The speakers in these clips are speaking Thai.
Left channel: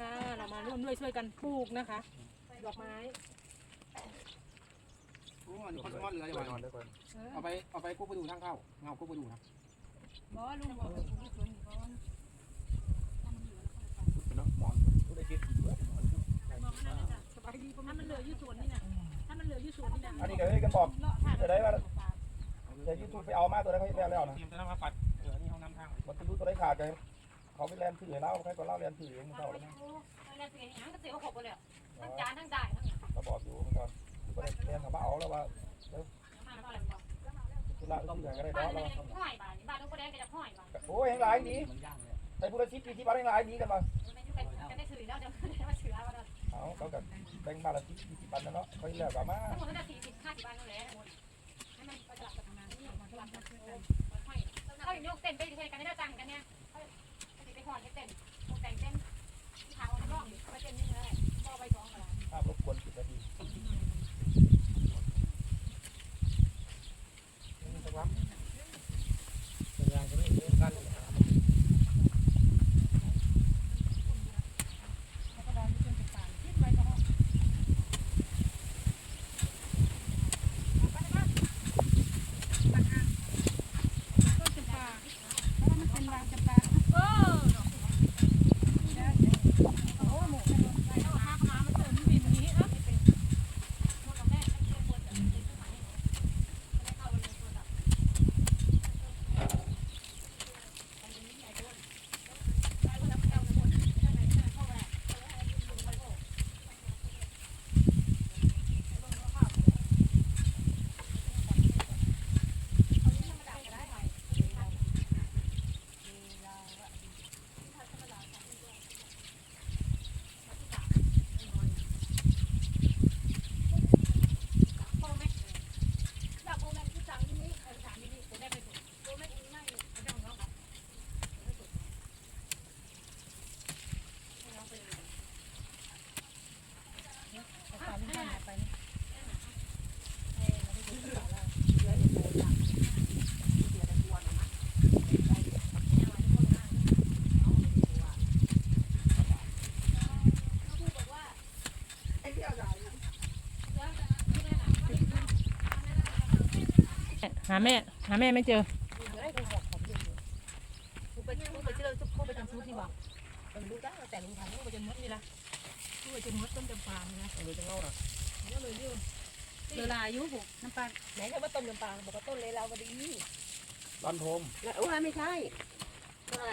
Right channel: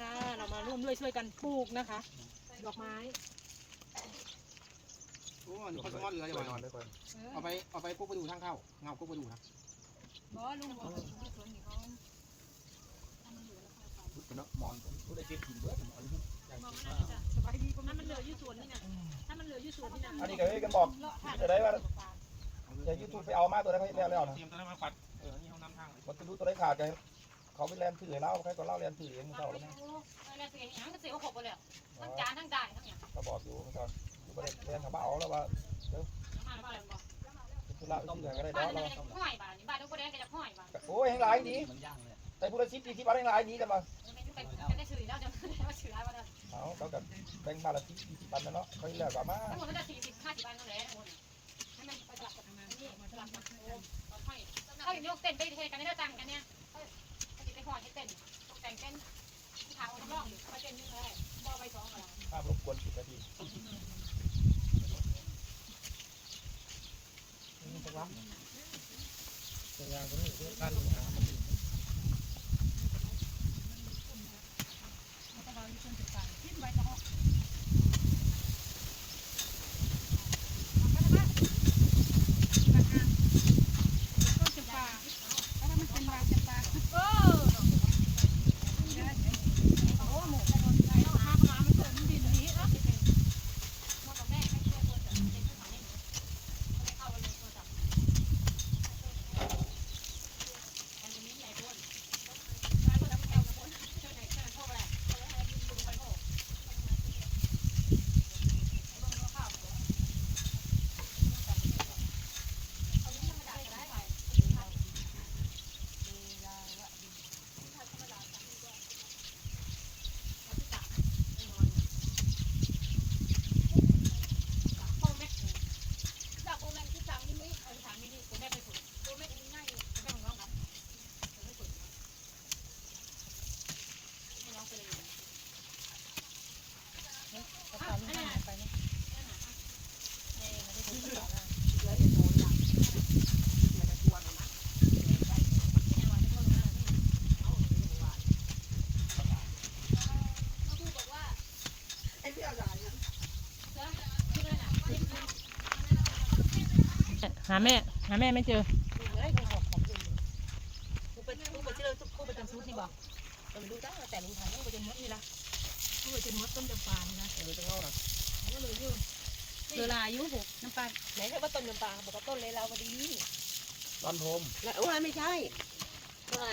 ค่ะ เรามาร่วมด้วยช่วยกันปลูกนะคะ ดอกไม้โอ้อันนี้คนสมอดเหลือจะวางเอาไปเอาไปกุ๊กไปดูทางเข้าเงากุ๊กไปดูนะบอลุงบอกให้ปลูกสวนนี่ก่อนสบายดีประมาณมันเหลืออยู่สวนนี่นะถ้ามันเหลืออยู่สวนนี่นะอันนี้ก็ให้กันบอกจะได้ว่าจะยูทูบไปเอามาตัวได้เขาแล้วแล้วนะเตรียมจะมาปัดเออนี่ห้องน้ำทางมันจะรู้ตัวได้ขาดกัน เขาไปแลนถือเล่าใครก็เล่าแลนถือเองมันเท่าแล้วนะอะไรเสียหางก็เสียหกไปแล้วทั้งจานทั้งจ่ายทั้งอย่างก็บอกอยู่มันก็ก็ได้แลนถามว่าเอาแล้วว่าห้าร้อยบาทตุลาอื่นก็ได้บ้านเราะห้อยบาทนี่บ้านลูกก็ได้ก็จะห้อยบาทโอ้ยแห่งหลายดีไอ้ผู้ละชิดที่บ้านแห่งหลายดีกันมาไม่ได้จะได้สื่อแล้วจะได้มาสื่ออะไรบ้างเอาเขากับแบ่งมาละชิดดีที่บ้านนะเนาะเขาเรียกว่ามาถ้าจะสี่สิบห้าสิบอันนู่นแหละ จะเล่านะก็เลยยืมเวลาอายุหกน้ำปลาไหนถ้าว่าต้นจำปาบอกว่าต้นเลยเราพอดีรันโทมแล้วว่าไม่ใช่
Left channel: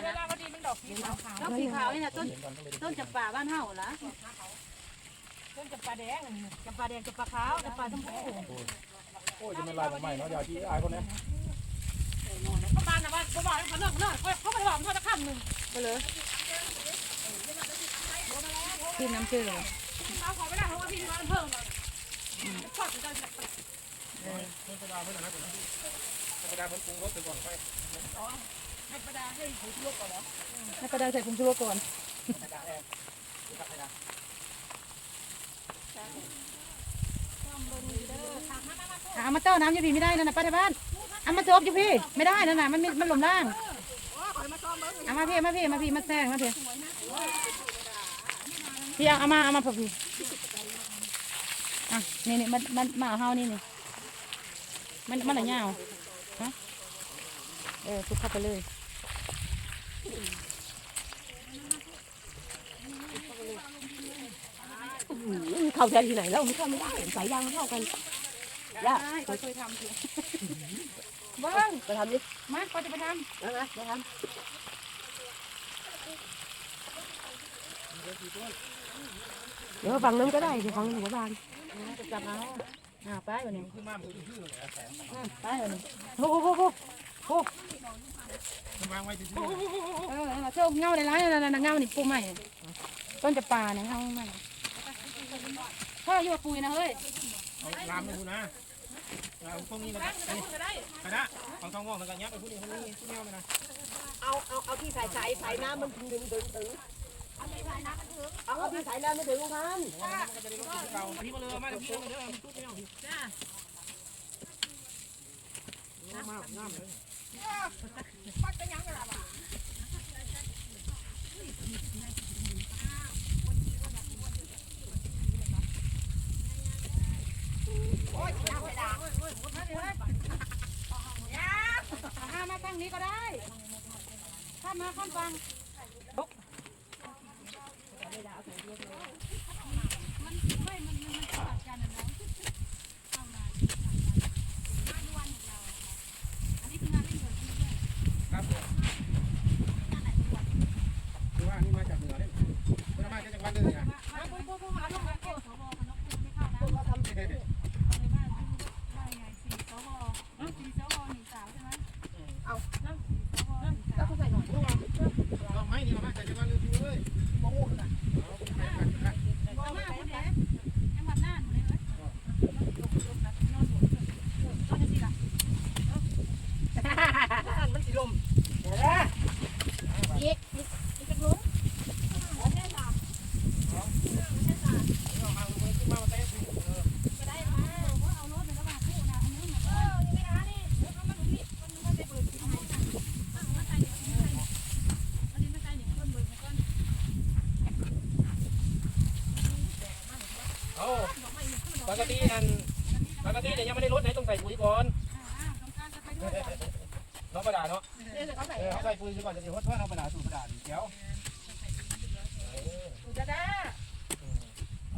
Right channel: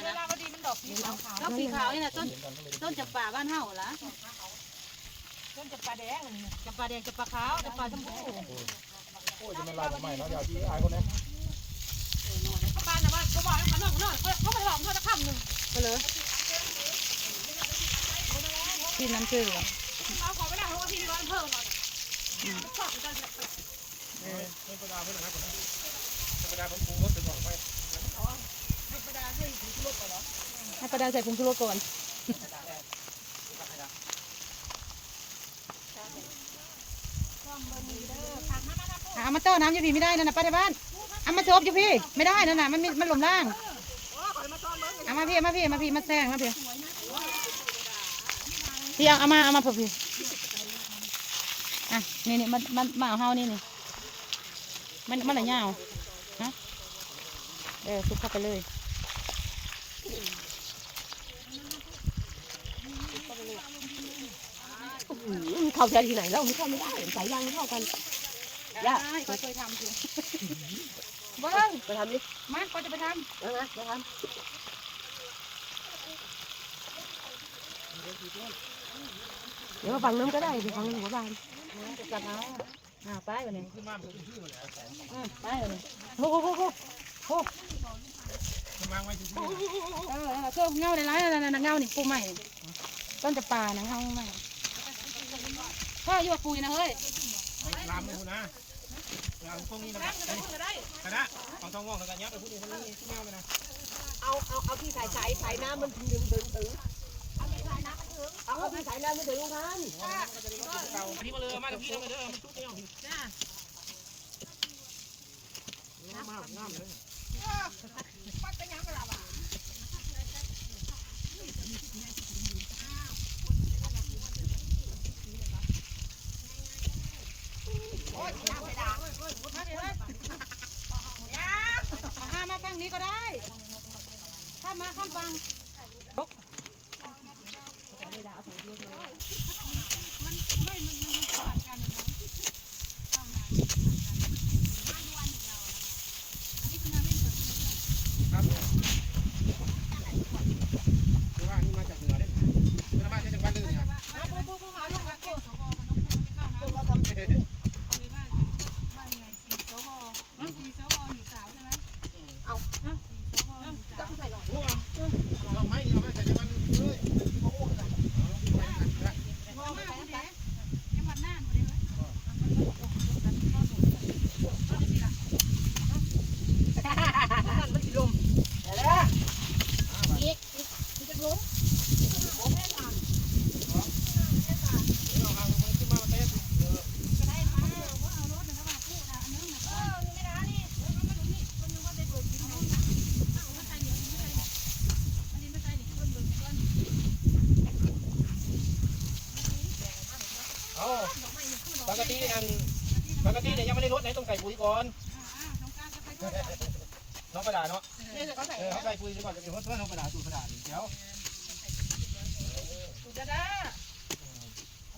เวลาพอดีมันดอกสีขาวต้นสีขาวนี่นะต้นเห็นกันก็เลยต้นจำปาบ้านเฮาล่ะต้นจำปาแดงอันนี้จำปาแดงจำปาขาวจำปาชมพู โอ้ยจะมันลายใหม่เนาะอย่าที่อายคนนี้ประการนะว่าเขาบอกเขาหนึ่งเนื่อเขาไปหลอมเขาจะข้ามหนึ่งก็เลยพี่น้ำเชื่อเอาขอไปได้เพราะว่าพี่มีวันเพิ่มหน่อยชอบจะได้เพื่อนประดาเพื่อนนะครับคนนั้นเพื่อนประดาเพื่อนปรุงรสไปก่อนไปให้ประดาใส่ผงชูรสก่อน เอามาเต้าน้ำอยู่พี่ไม่ได้นั่นนะป้าในบ้านเอามาโจบอยู่พี่ไม่ได้นั่นน่ะมันมันหลงล่างเอามาพี่มาพี่มาพี่มาแซงมาพี่พี่เอามาเอามาพอพี่อะนี่นี่มันมันมาเฮานี่นี่มันมันอะไรเงาฮะเออคุดเข้าไปเลยเข้าใจที่ไหนแล้วมันเข้าไม่ได้สายยางมันเข้ากัน ย่าไปเคยทำบ้างไปทำดิมาก็จะไปทนะนะไปทำเดี๋ยวฝั่งนั้นก็ได้เดี๋ยวฝั่งนี้เดี๋ยวบ้านำจะกลับเอาอ่าไปวันนี้ขึ้นมามันชื่อเลยแสงไปวันนี้โอ้โหโอ้โหมันวางไว้ที่เออเราเชื่อเงาในร้านนั่นนะเงานี่ปูใหม่ต้นจะป่านะเงาใหม่พ่ออยู่กับปูนะเฮ้ยลามไปพูนะ ลาพวกนี้นะกระดาของทองว่องแล้วกันยับไปพูดนี้พูดนี้ที่แนวไปนะเอาเอาเอาที่ใส่ใส่ใส่น้ำมันถึงดึงถึงดึงเอาที่ใส่น้ำมันถึงเอาที่ใส่น้ำมันถึงพันที่มาเลยมาจากพี่มาเลยชุดนี้พี่น้ำน้ำเลย เอ่ามาฝั่งนี้ก็ได้ ข้ามมาข้ามฟังมันไม่มันมันมันต่างกันนะเนาะ ครับผมคือว่านี่มาจากเหนือเนี่ยมันมาจากจังหวัดหนึ่งอะ มาพวกพวกเขาลงมาเก็บสวมันต้องขึ้นไม่เข้านะว่าไงสีสวสีสวมีสาวใช่ไหมเอาเนาะสวมีสาว ก็ใส่หน่อย พวกเราไม้นี่เรามาจากจังหวัดหนึ่งเลยโอ้โหขนาดเอาไปกันนะ เอามาคนเดียวจังหวัดน่านคนเดียวเลย นั่นมันสิลม อีกอีกจะล้มเอาเอาขึ้นมาเต้น โอ้ป กติอันปกติเนี่ยยังไม่ได้รถไหนต้องใส่ปุ๋ยก่อนน้องประดาเนาะนี่เขาใส่เออเขาใส่ปุ๋ยก่อนจะเป็นรถเพื่อนน้องประดาสูตรประดาเดี๋ยวจะได้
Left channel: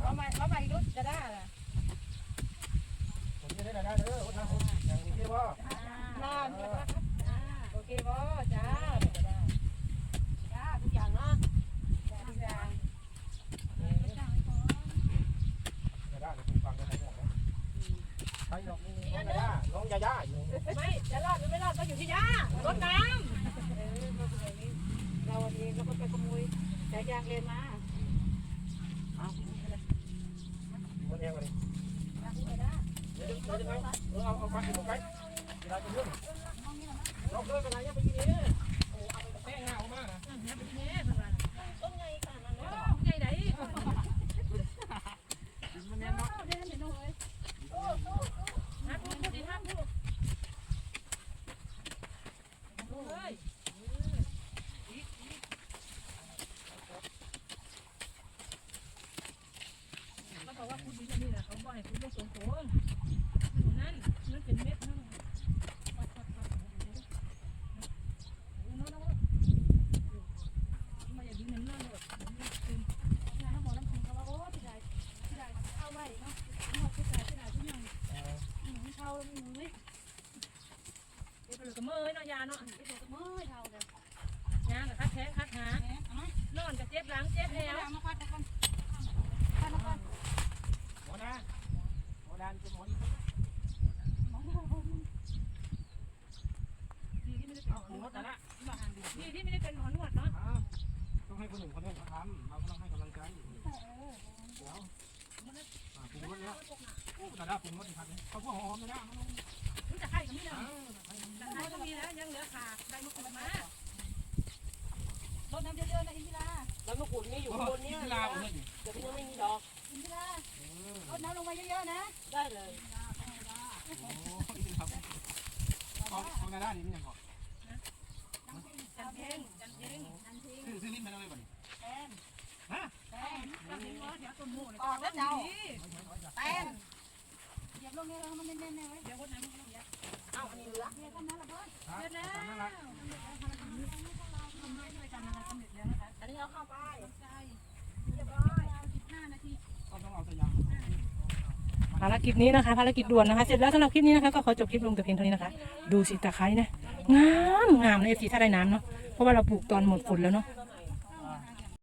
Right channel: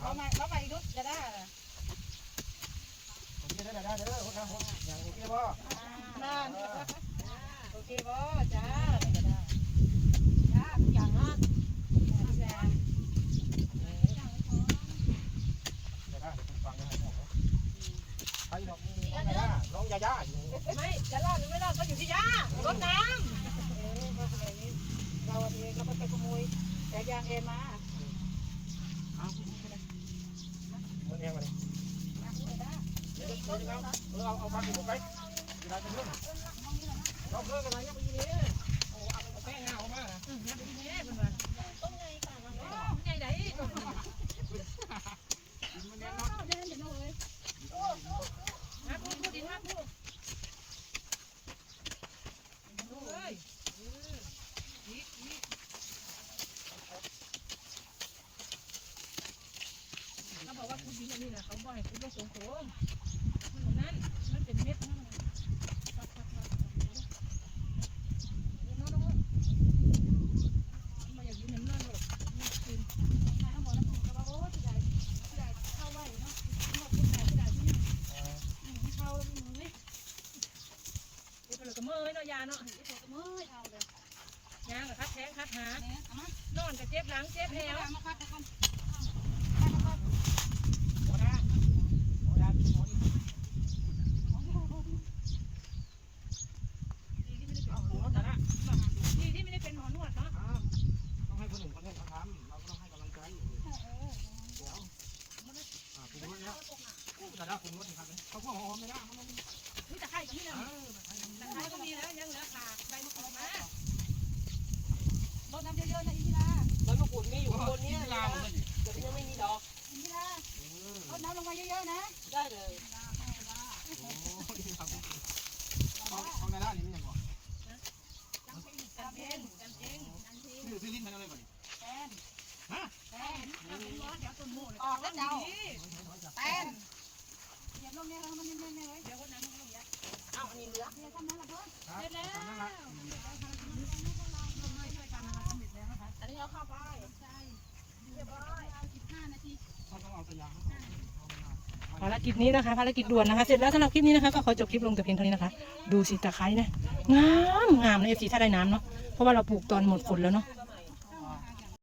เอาใหม่เอาใหม่อีกรุ่นจะได้ผมจะได้ได้เด้อคนทำผมเรียกว่า นั่นโอเคบ่จ้าจะได้จ้าอย่างนะ จะได้ผมฟังได้หมดใครน้องน้องยาย่า ไม่จะรอดหรือไม่รอดก็อยู่ที่ย่ารถน้ำเราเองก็ไปขโมยสายางเอมาหมดเองเลยเดี๋ยวเดี๋ยวเอาเออเอาเอาฟังอยู่ไปเวลาจะเรื่องเราเลิกอะไรยังไม่กินเลยโอ้เอาไปแป้งหน้าเขามานะ ใจไหน มันแน่นอน ฮะพูดพูดอีกฮะพูด เขาบอกว่าคุณดีนี่นะเขาบอกให้คุณไม่สมโขนั่นมันเป็นเม็ดนั่นอย่ายืนนั่นเลย เดี๋ยวก็มือเนาะยเนาะยางคัดแทงคัดหานอนก็เจ็บหลังเจ็บแถวหัวหน้าหัวหน้จะหมดหัวหน้าดีที่ไม่ได้เป็นหมอนวดเนาะต้องให้คนหนึ่งคนต้องทำเราต้องให้กำลังใจเดี๋ยวปรุงรสแล้วแต่ละปรุงรสทำเลยเขาพวกออมไม่ได้ Yeah. ารกิจนี้นะคะ ภารกิจด่วนนะคะ เสร็จแล้วสำหรับคลิปนี้นะคะ ก็ขอจบคลิปลงแต่เพียงเท่านี้นะคะ ดูสิตะไคร้นะ งามงามในเอฟซีถ้าได้น้ำเนาะ เพราะว่าเราปลูกตอนหมดฝนแล้วเนาะ